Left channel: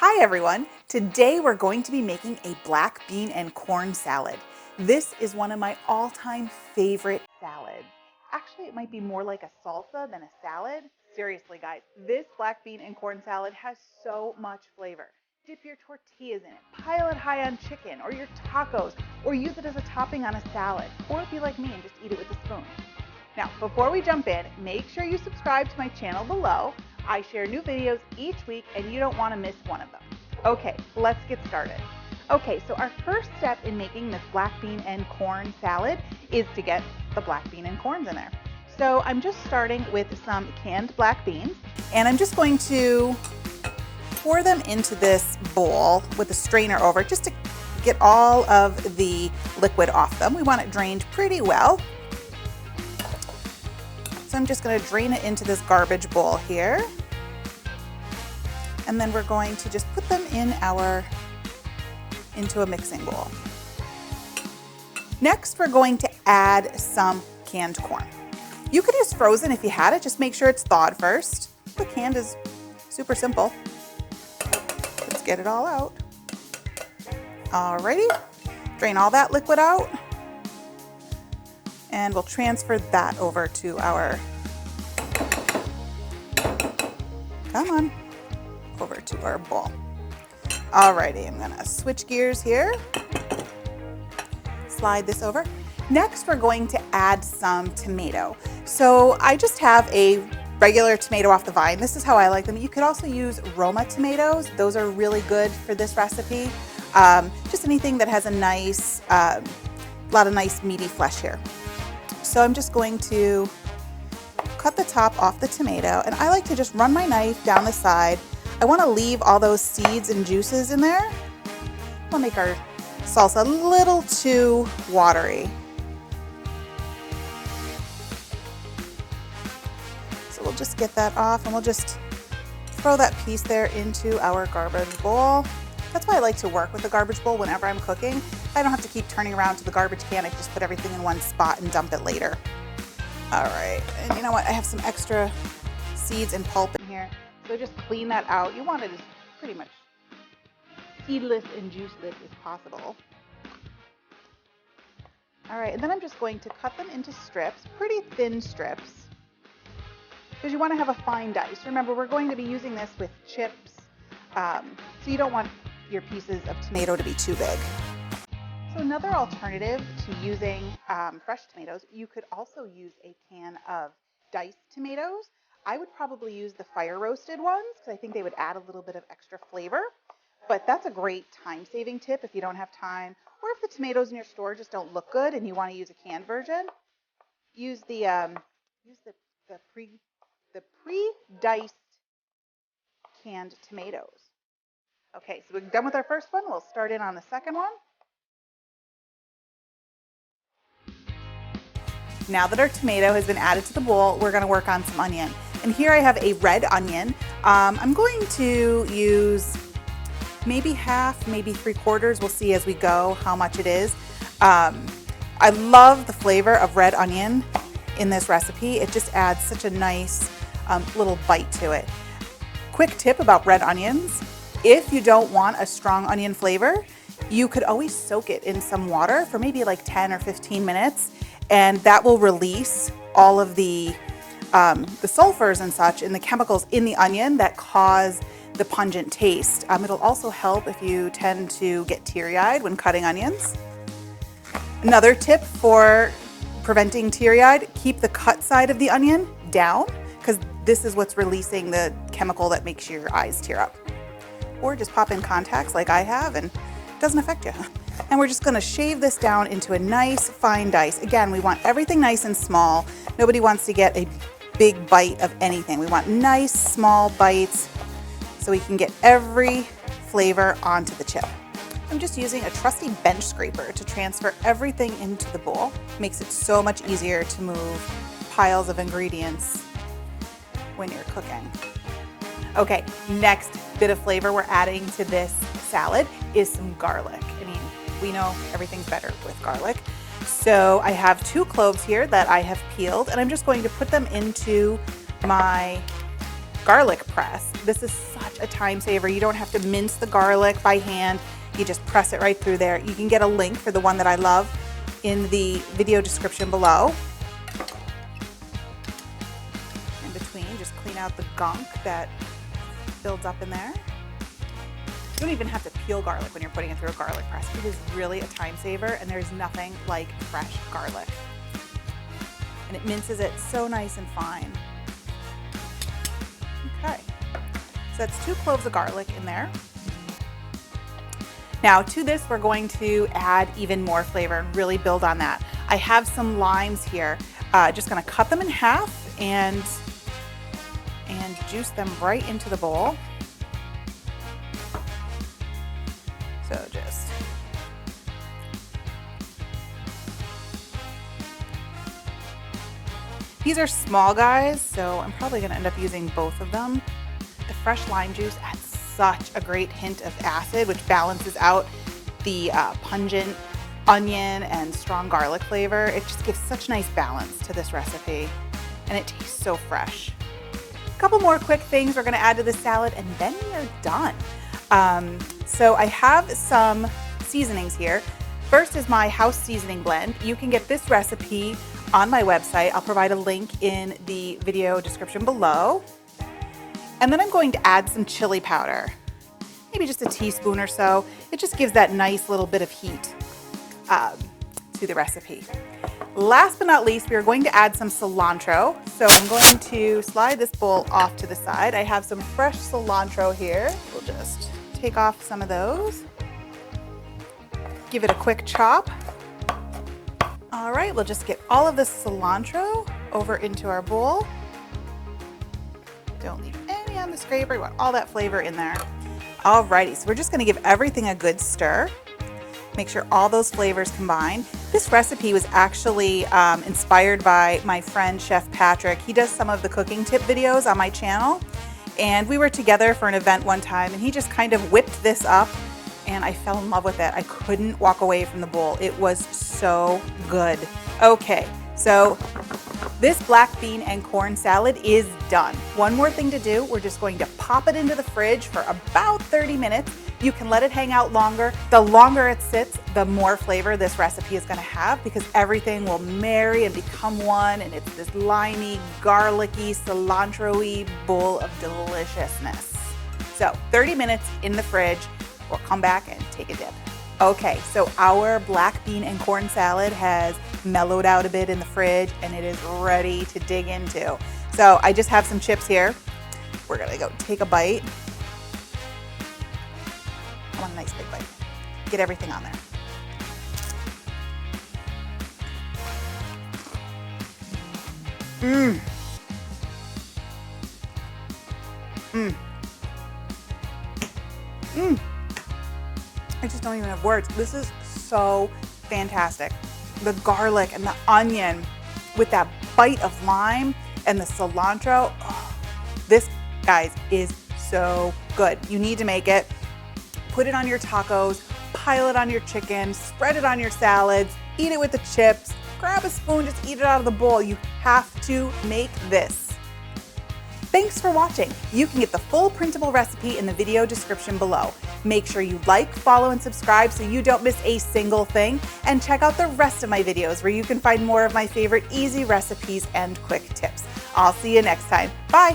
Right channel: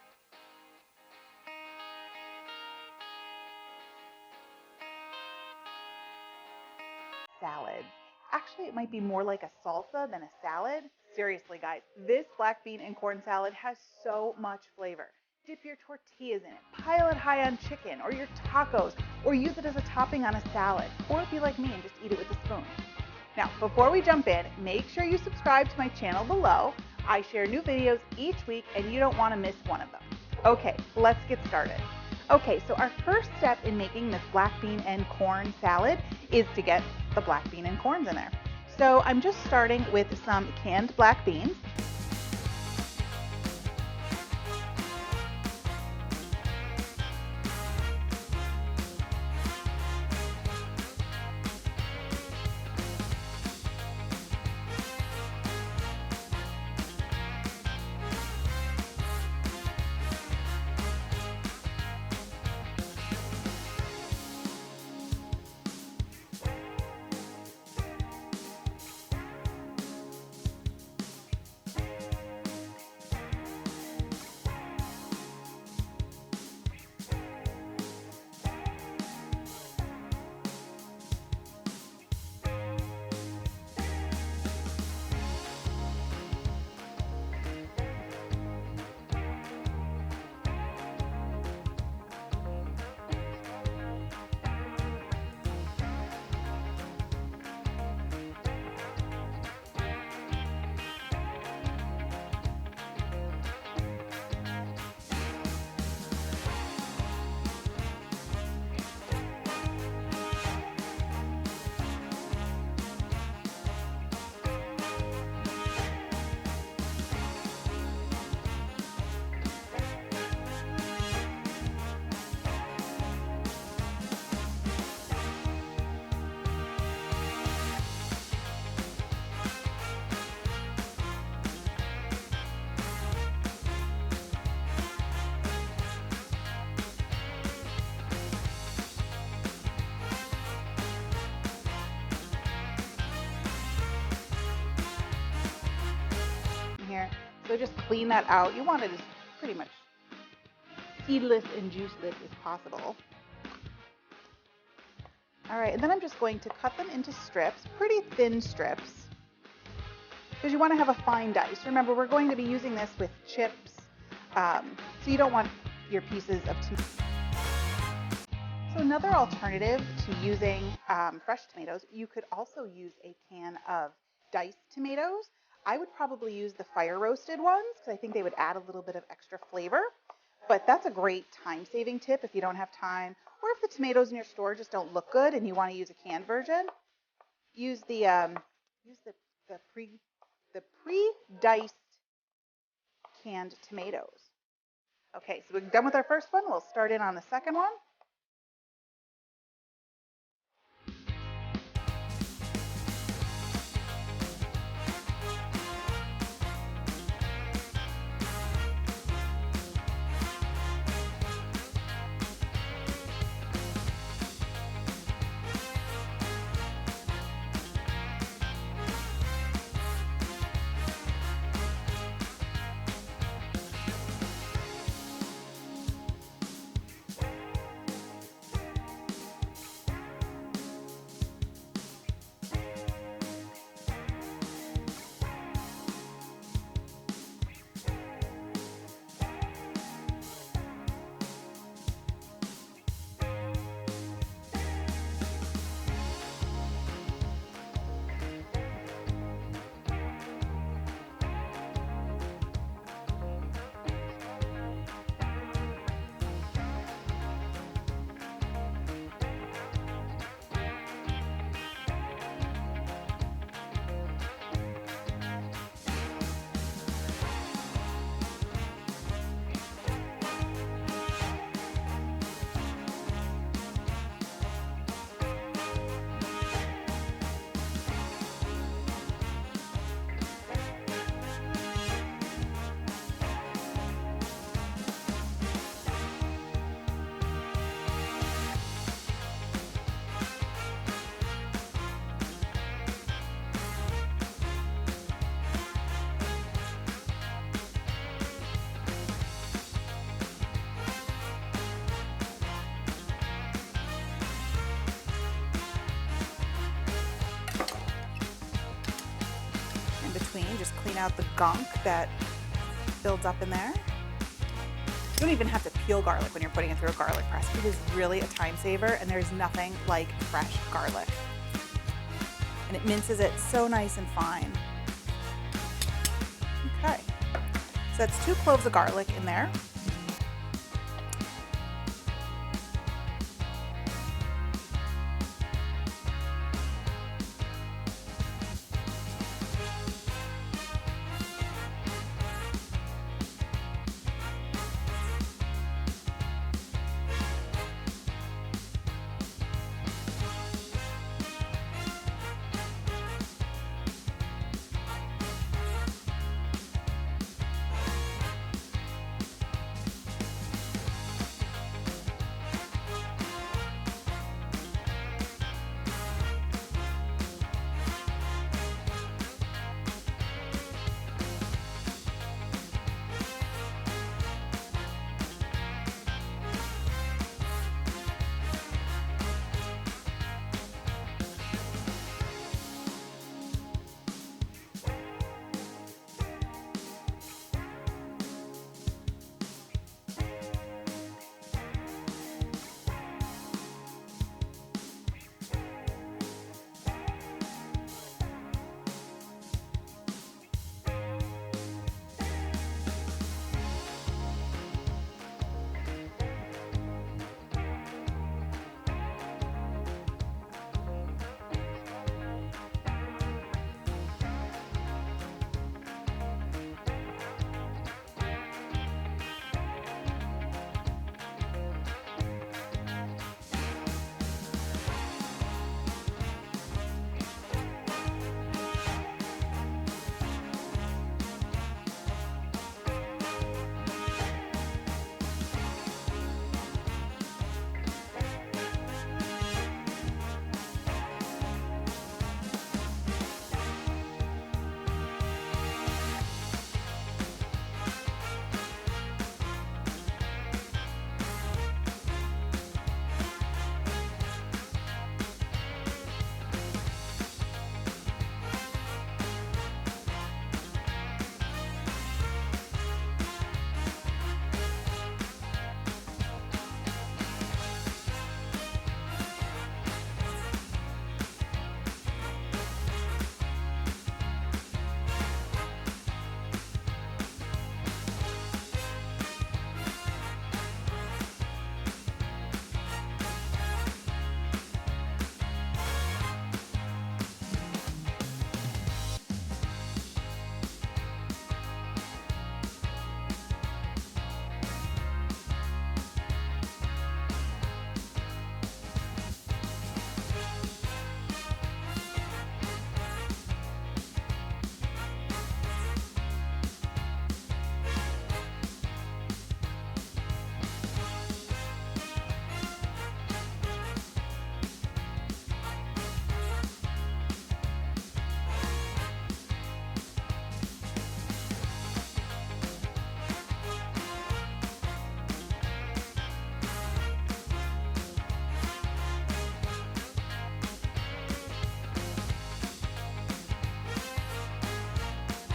Hi everyone! Today we're going to be making a black bean and corn salad. This is one of my all-time favorite salads. Actually, it might be more like a salsa than a salad. Seriously guys, this black bean and corn salad has so much flavor. Dip your tortillas in it, pile it high on chicken or your tacos, or use it as a topping on a salad, or be like me and just eat it with a spoon. Now, before we jump in, make sure you subscribe to my channel below. I share new videos each week and you don't want to miss one of them. Okay, let's get started. Okay, so our first step in making this black bean and corn salad is to get the black bean and corns in there. So I'm just starting with some canned black beans, and I'm just going to pour them into this bowl with a strainer over just to get all of the liquid off them. We want it drained pretty well. So I'm just going to drain it into this garbage bowl here. And then we're going to just put them into a mixing bowl. Next, we're going to add some canned corn. You could use frozen if you had it, just make sure it's thawed first. The canned is super simple. Let's get it all out. Alrighty, drain all that liquid out. And we'll transfer that over to our, over to our bowl. Alrighty, I'm gonna switch gears here. Slide this over. Next, we're going to add some tomato. So I just have a regular tomato off the vine. This is how I like them. You could also use Roma tomatoes. Those are really good for this recipe. Just anything that has a nice, lot of nice meaty flesh here. So I'm just going to cut the top off the tomato, and I like to just run my knife down the side. I want to leave all those seeds and juices in there. I want to make our salsa a little too watery. So we'll just get that off, and we'll just throw that piece there into our garbage bowl. That's why I like to work with the garbage bowl whenever I'm cooking. I don't have to keep turning around to the garbage can. I can just put everything in one spot and dump it later. All right, and you know what? I have some extra seeds and pulp in here. So just clean that out. You want it as pretty much seedless and juiceless as possible. All right, and then I'm just going to cut them into strips, pretty thin strips, because you want to have a fine dice. Remember, we're going to be using this with chips, so you don't want your pieces of tomato to be too big. So another alternative to using fresh tomatoes, you could also use a can of diced tomatoes. I would probably use the fire roasted ones because I think they would add a little bit of extra flavor. But that's a great time-saving tip if you don't have time, or if the tomatoes in your store just don't look good and you want to use a canned version. Use the pre-diced canned tomatoes. Okay, so we're done with our first one. We'll start in on the second one. Now that our tomato has been added to the bowl, we're going to work on some onion. And here I have a red onion. I'm going to use maybe half, maybe 3/4. We'll see as we go how much it is. I love the flavor of red onion in this recipe. It just adds such a nice little bite to it. Quick tip about red onions. If you don't want a strong onion flavor, you could always soak it in some water for maybe like 10 or 15 minutes, and that will release all of the sulfurs and such and the chemicals in the onion that cause the pungent taste. It'll also help if you tend to get teary-eyed when cutting onions. Another tip for preventing teary-eyed, keep the cut side of the onion down, because this is what's releasing the chemical that makes your eyes tear up. Or just pop in contacts like I have and it doesn't affect you. And we're just going to shave this down into a nice fine dice. Again, we want everything nice and small. Nobody wants to get a big bite of anything. We want nice small bites so we can get every flavor onto the chip. I'm just using a trusty bench scraper to transfer everything into the bowl. It makes it so much easier to move piles of ingredients when you're cooking. Okay, next bit of flavor we're adding to this salad is some garlic. I mean, we know everything's better with garlic. So I have 2 cloves here that I have peeled, and I'm just going to put them into my garlic press. This is such a time saver. You don't have to mince the garlic by hand. You just press it right through there. You can get a link for the one that I love in the video description below. In between, just clean out the gunk that builds up in there. You don't even have to peel garlic when you're putting it through a garlic press. It is really a time saver, and there's nothing like fresh garlic. And it minces it so nice and fine. Okay, so that's 2 cloves of garlic in there. Now to this, we're going to add even more flavor and really build on that. I have some limes here. Just gonna cut them in half and juice them right into the bowl. So just these are small guys, so I'm probably gonna end up using both of them. The fresh lime juice adds such a great hint of acid, which balances out the pungent onion and strong garlic flavor. It just gives such nice balance to this recipe, and it tastes so fresh. A couple more quick things we're gonna add to the salad, and then we're done. So I have some seasonings here. First is my house seasoning blend. You can get this recipe on my website. I'll provide a link in the video description below. And then I'm going to add some chili powder, maybe just a teaspoon or so. It just gives that nice little bit of heat to the recipe. Last but not least, we are going to add some cilantro. So I'm going to slide this bowl off to the side. I have some fresh cilantro here. We'll just take off some of those. Give it a quick chop. All right, we'll just get all of this cilantro over into our bowl. Don't leave any on the scraper. We want all that flavor in there. Alrighty, so we're just gonna give everything a good stir. Make sure all those flavors combine. This recipe was actually inspired by my friend Chef Patrick. He does some of the cooking tip videos on my channel, and we were together for an event one time, and he just kind of whipped this up, and I fell in love with it. I couldn't walk away from the bowl. It was so good. Okay, so this black bean and corn salad is done. One more thing to do, we're just going to pop it into the fridge for about 30 minutes. You can let it hang out longer. The longer it sits, the more flavor this recipe is gonna have, because everything will marry and become one, and it's this limey, garlicky, cilantro-y bowl of deliciousness. So 30 minutes in the fridge, we'll come back and take a dip. Okay, so our black bean and corn salad has mellowed out a bit in the fridge, and it is ready to dig into. So I just have some chips here. We're gonna go take a bite. I want a nice big bite. Get everything on there. Mmm. Mmm. Mmm. I just don't even have words. This is so fantastic. The garlic and the onion with that bite of lime and the cilantro. Oh, this, guys, is so good. You need to make it. Put it on your tacos, pile it on your chicken, spread it on your salads, eat it with the chips, grab a spoon, just eat it out of the bowl. You have to make this. Thanks for watching. You can get the full printable recipe in the video description below. Make sure you like, follow, and subscribe so you don't miss a single thing. And check out the rest of my videos where you can find more of my favorite easy recipes and quick tips. I'll see you next time. Bye.